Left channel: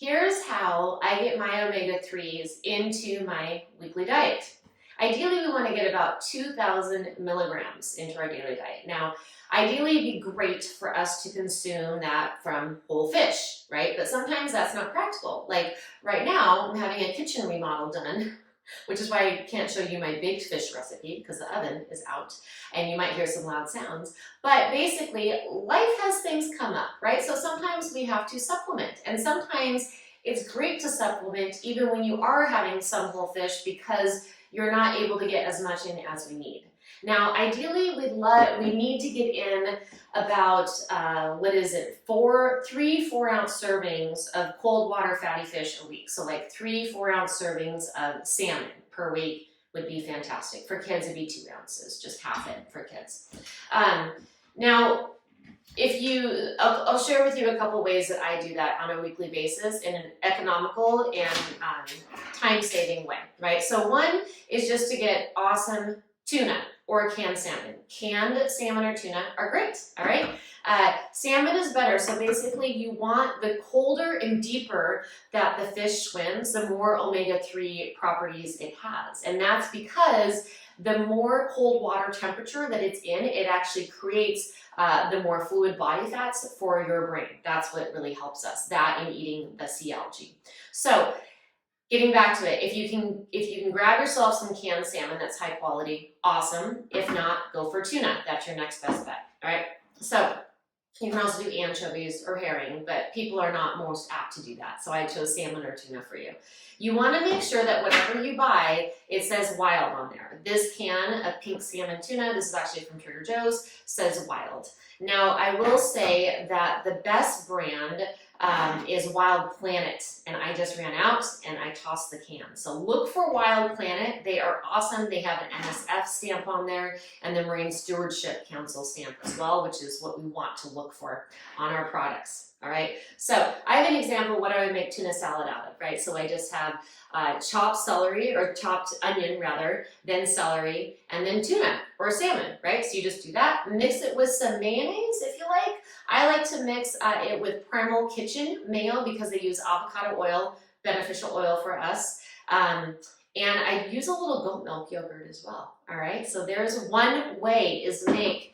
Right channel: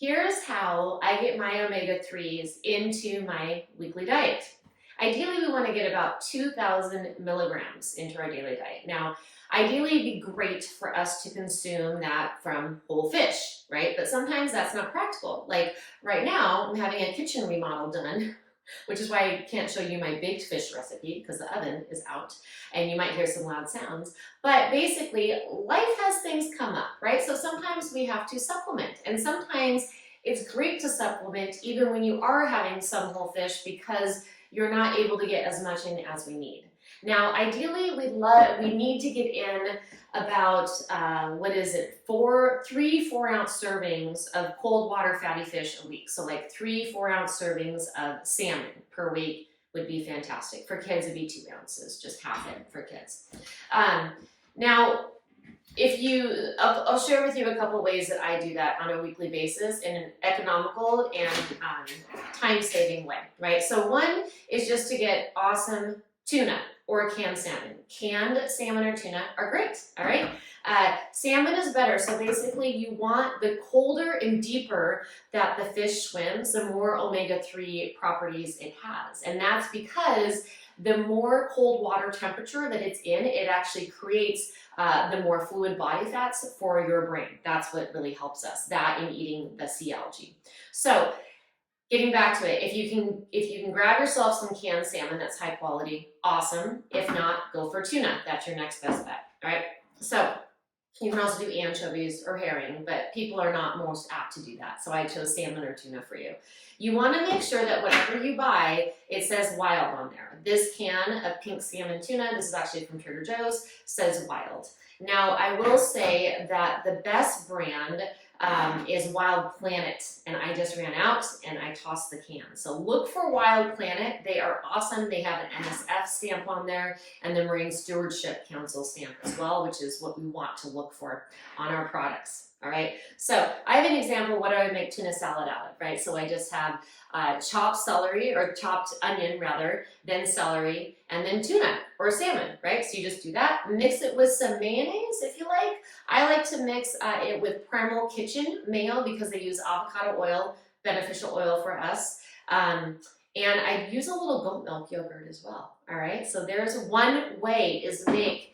Here's how I get my omega-3s into my weekly diet. Ideally, we want to get about 2,000 milligrams into our daily diet. Now, ideally, it'd be great for us to consume that from whole fish, right? But sometimes that's not practical. Like right now, I'm having a kitchen remodel done, which is why I can't show you my baked fish recipe because the oven is out and you might hear some loud sounds. But basically, life has things come up, right? So sometimes we have to supplement, and sometimes it's great to supplement even when you are having some whole fish because you're not able to get as much in as we need. Now, ideally, we need to get in about what is it, 3 4-ounce servings of cold water fatty fish a week. So like 3 4-ounce servings of salmon per week would be fantastic. For kids, it'd be 2 ounces, just half it for kids. Now, I'll share with you a couple ways that I do that on a weekly basis in an economical and time-saving way, right? So one is just to get awesome tuna or canned salmon. Canned salmon or tuna are great, all right? Salmon is better, so basically you want the colder and deeper that the fish swims, the more omega-3 properties it has. And that's because the more cold water temperature that it's in, it actually creates the more fluid body fats for your brain. That's what really helps us, that and eating the sea algae. So getting back to it, if you can grab yourself some canned salmon that's high quality, awesome. If not, go for tuna. That's your next best bet, all right? So you can also do anchovies or herring, but people are not most apt to do that. So I chose salmon or tuna for you. You want to make sure that whatever you buy, it says wild on there. This can of pink salmon tuna, this is actually from Trader Joe's, says wild. Now, I will say that the best brand is Wild Planet, and I just ran out and I tossed the can. So look for Wild Planet. They are awesome. They have an NSF stamp on there and the Marine Stewardship Council stamp as well, which is what we want to look for on our products. All right, so I have an example of what I would make tuna salad out of, right? So I just have chopped celery, or chopped onion rather, then celery, and then tuna or salmon, right? So you just do that, mix it with some mayonnaise if you like. I like to mix it with Primal Kitchen mayo because they use avocado oil, beneficial oil for us. And I use a little goat milk yogurt as well, all right? So there's one way is make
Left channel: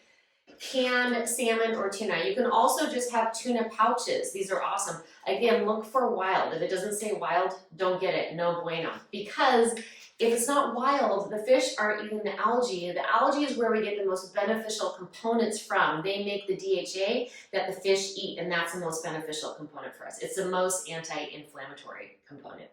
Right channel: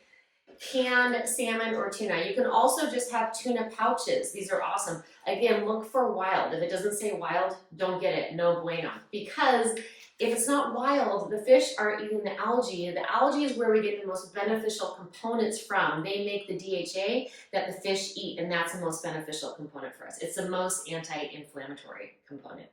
canned salmon or tuna. You can also just have tuna pouches. These are awesome. Again, look for wild. If it doesn't say wild, don't get it. No bueno. Because if it's not wild, the fish aren't eating the algae. The algae is where we get the most beneficial components from. They make the DHA that the fish eat, and that's the most beneficial component for us. It's the most anti-inflammatory component.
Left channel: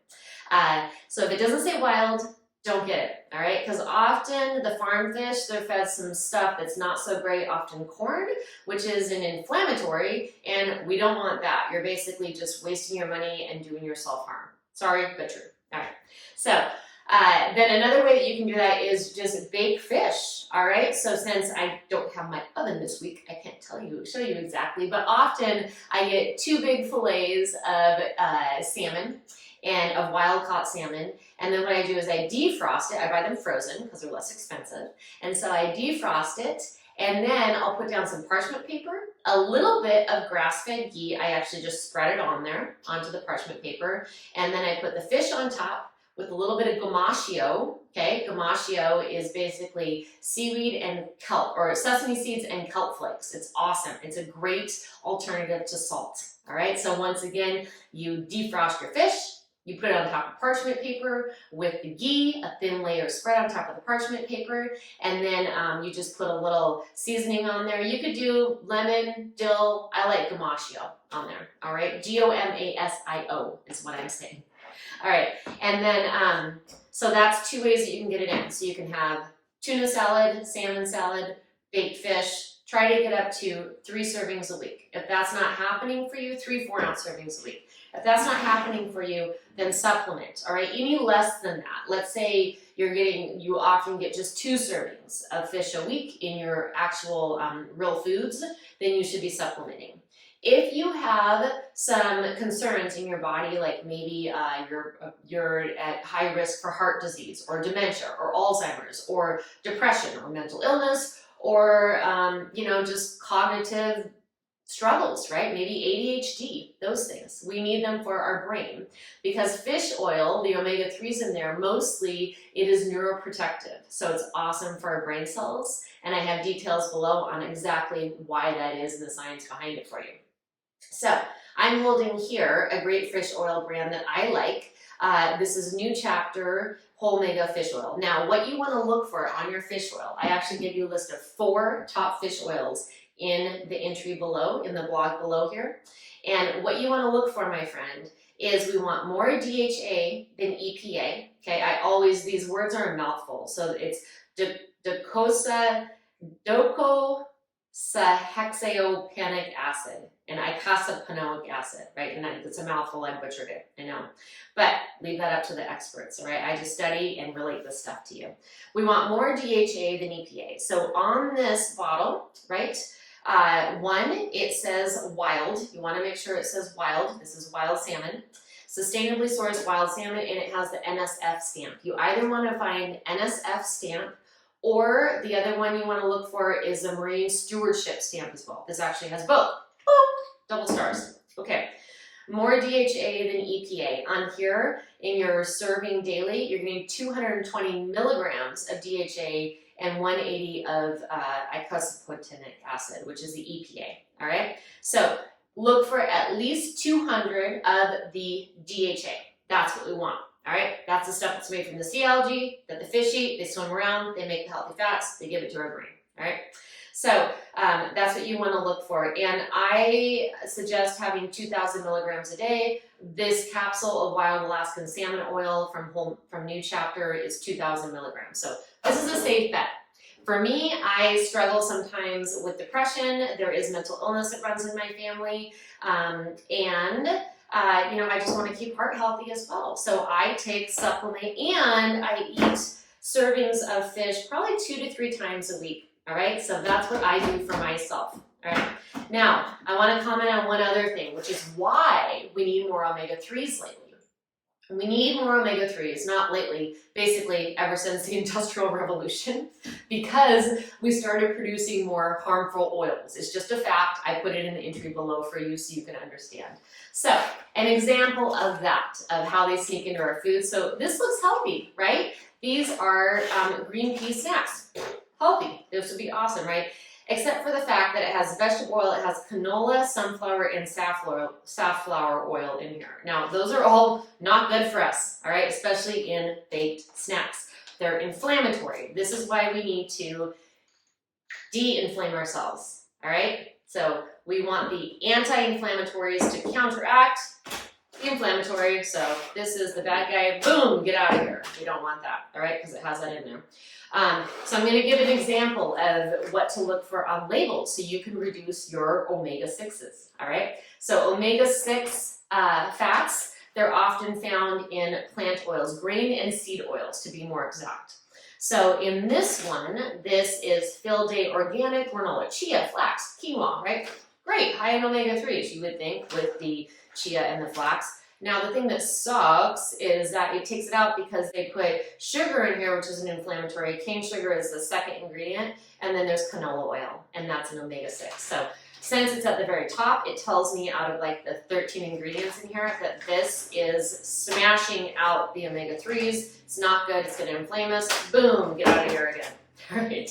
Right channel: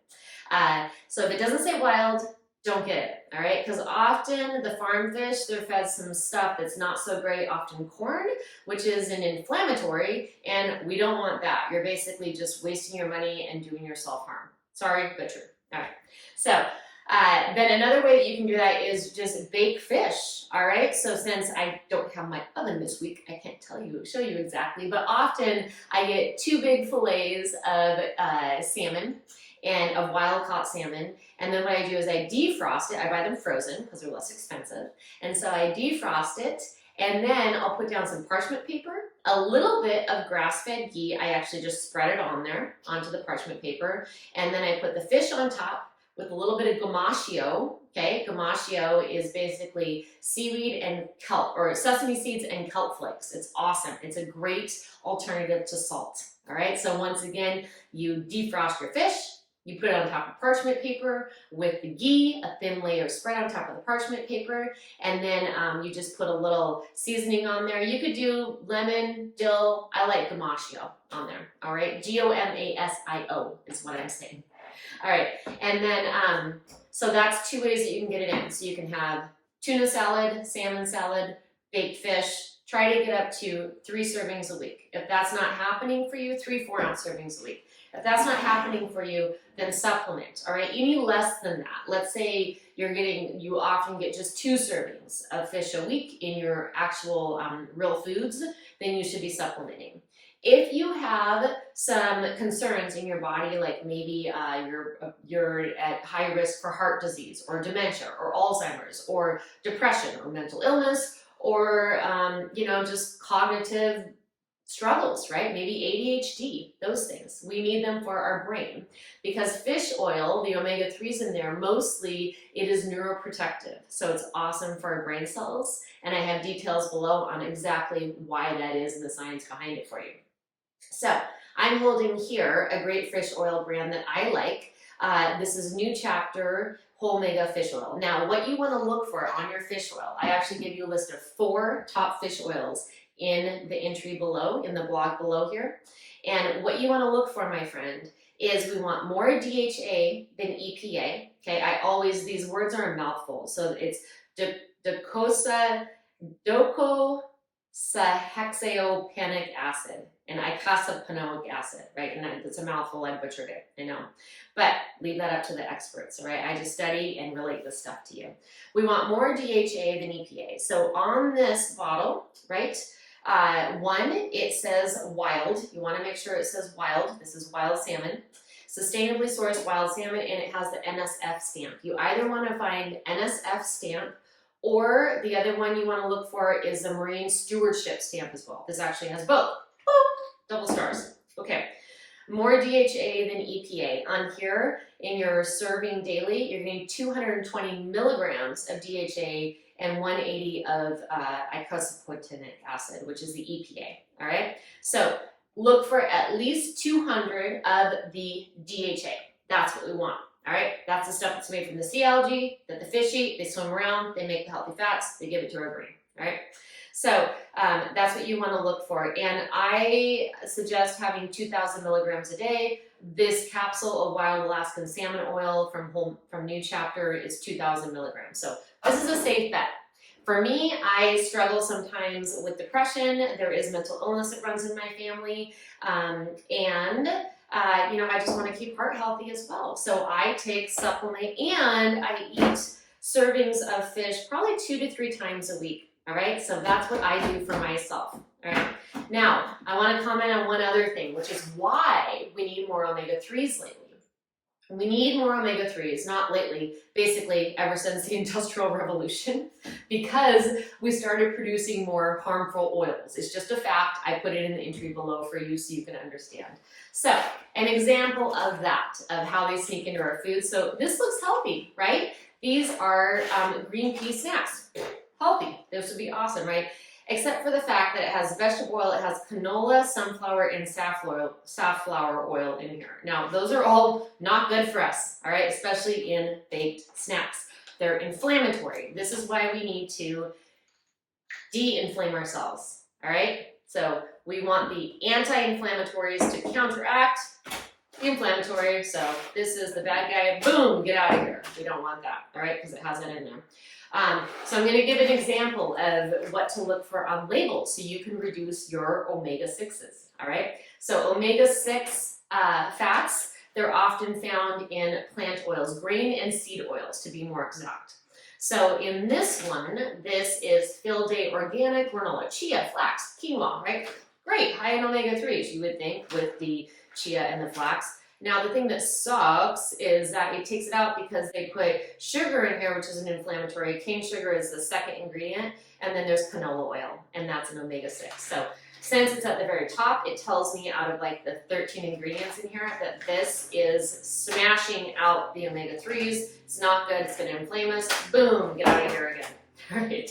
So if it doesn't say wild, don't get it, all right? Because often the farm fish, they're fed some stuff that's not so great, often corn, which is an inflammatory, and we don't want that. You're basically just wasting your money and doing yourself harm. Sorry, but true. All right. So then another way that you can do that is just bake fish, all right? So since I don't have my oven this week, I can't show you exactly, but often I get 2 big fillets of salmon and of wild caught salmon. And then what I do is I defrost it. I buy them frozen because they're less expensive. And so I defrost it, and then I'll put down some parchment paper, a little bit of grass-fed ghee. I actually just spread it on there onto the parchment paper. And then I put the fish on top with a little bit of gamascio. Okay, gamascio is basically seaweed and kelp, or sesame seeds and kelp flakes. It's awesome. It's a great alternative to salt. All right, so once again, you defrost your fish. You put it on top of parchment paper with the ghee, a thin layer spread on top of the parchment paper, and then you just put a little seasoning on there. You could do lemon, dill. I like gamascio on there, all right? G-O-M-A-S-I-O is what I'm saying. All right, and then, so that's 2 ways that you can get it in. So you can have tuna salad, salmon salad, baked fish. Try to get up to 3 servings a week. If that's not happening for you, 3 4-ounce servings a week. If that's not happening for you, then supplement, all right? Any less than that. Let's say you often get just 2 servings of fish a week in your actual real foods, then you should be supplementing. If you have some concerns in your body, like maybe you're at high risk for heart disease or dementia or Alzheimer's or depression or mental illness or just cognitive struggles, right? Maybe ADHD, those things. We need them for our brain because fish oil, the omega-3s in there, mostly it is neuroprotective. So it's awesome for our brain cells. And I have details below on exactly why that is and the science behind it for you. So I'm holding here a great fish oil brand that I like. This is New Chapter Whole Mega Fish Oil. Now, what you want to look for on your fish oil, I actually give you a list of 4 top fish oils in the entry below, in the blog below here. And what you want to look for, my friend, is we want more DHA than EPA. Okay, these words are a mouthful. So it's docosahexaopanic acid and icosapenoic acid, right? And it's a mouthful, I butchered it, I know. But leave that up to the experts, all right? I just study and relate this stuff to you. We want more DHA than EPA. So on this bottle, right, one, it says wild. You want to make sure it says wild. This is wild salmon. Sustainably sourced wild salmon, and it has the NSF stamp. You either want to find NSF stamp, or the other one you want to look for is the Marine Stewardship stamp as well. This actually has both. Oh, double stars. Okay. More DHA than EPA. On here, in your serving daily, you're getting 220 milligrams of DHA and 180 of icosapenic acid, which is the EPA. All right. So look for at least 200 of the DHA. That's what we want. All right. That's the stuff that's made from the sea algae that the fish eat. They swim around. They make the healthy fats. They give it to our brain. All right. So that's what you want to look for. And I suggest having 2,000 milligrams a day. This capsule of wild Alaskan salmon oil from New Chapter is 2,000 milligrams. So this is a safe bet. For me, I struggle sometimes with depression. There is mental illness that runs in my family. I just want to keep heart healthy as well. So I take supplement and I eat servings of fish probably 2 to 3 times a week. All right, so that's what I do for myself. All right, now I want to comment on one other thing, which is why we need more omega-3s lately. We need more omega-3s, not lately, basically ever since the Industrial Revolution, because we started producing more harmful oils. It's just a fact. I put it in the entry below for you so you can understand. So an example of that, of how they sneak into our food. So this looks healthy, right? These are green pea snacks. Healthy. This would be awesome, right? Except for the fact that it has vegetable oil, it has canola, sunflower, and safflower oil in here. Now, those are all not good for us, all right? Especially in baked snacks. They're inflammatory. This is why we need to de-inflame ourselves, all right? So we want the anti-inflammatories to counteract the inflammatory. So this is the bad guy. Boom, get out of here. We don't want that, all right? Because it has that in there. So I'm going to give an example of what to look for on labels so you can reduce your omega-6s, all right? So omega-6 fats, they're often found in plant oils, grain and seed oils to be more exact. So in this one, this is Field Day Organic Granola, chia, flax, quinoa, right? Great, high in omega-3s, you would think, with the chia and the flax. Now, the thing that sucks is that it takes it out because they put sugar in here, which is an inflammatory. Cane sugar is the second ingredient, and then there's canola oil, and that's an omega-6. So since it's at the very top, it tells me out of like the 13 ingredients in here that this is smashing out the omega-3s. It's not good. It's going to inflame us. Boom, get out of here again. All right.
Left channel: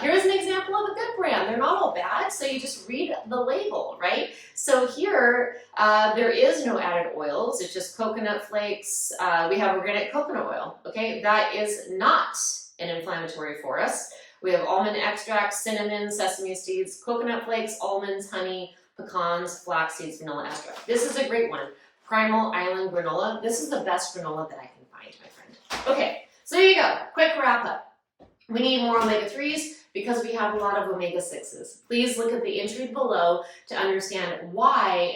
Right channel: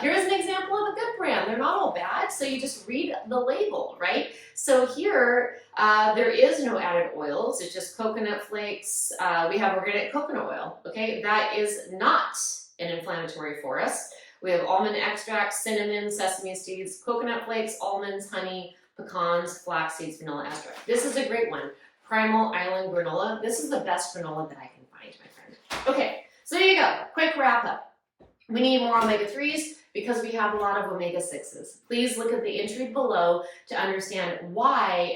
Here's an example of a good brand. They're not all bad, so you just read the label, right? So here, there is no added oils. It's just coconut flakes. We have organic coconut oil, okay? That is not an inflammatory for us. We have almond extract, cinnamon, sesame seeds, coconut flakes, almonds, honey, pecans, flax seeds, vanilla extract. This is a great one. Primal Island granola. This is the best granola that I can find, my friend. Okay, so there you go. Quick wrap up. We need more omega-3s because we have a lot of omega-6s. Please look at the entry below to understand why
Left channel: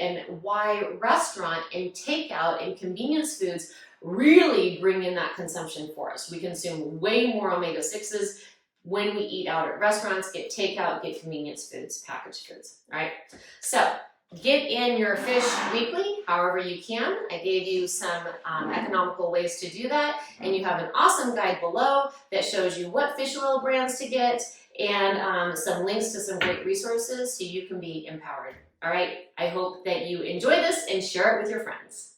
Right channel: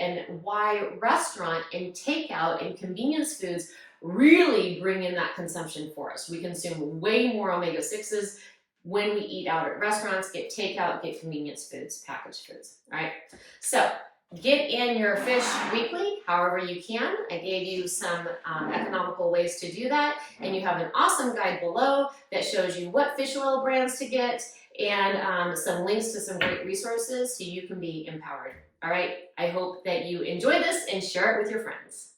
restaurant and takeout and convenience foods really bring in that consumption for us. We consume way more omega-6s when we eat out at restaurants, get takeout, get convenience foods, packaged foods, all right? So get in your fish weekly, however you can. I gave you some economical ways to do that, and you have an awesome guide below that shows you what fish oil brands to get and some links to some great resources so you can be empowered. All right, I hope that you enjoy this and share it with your friends.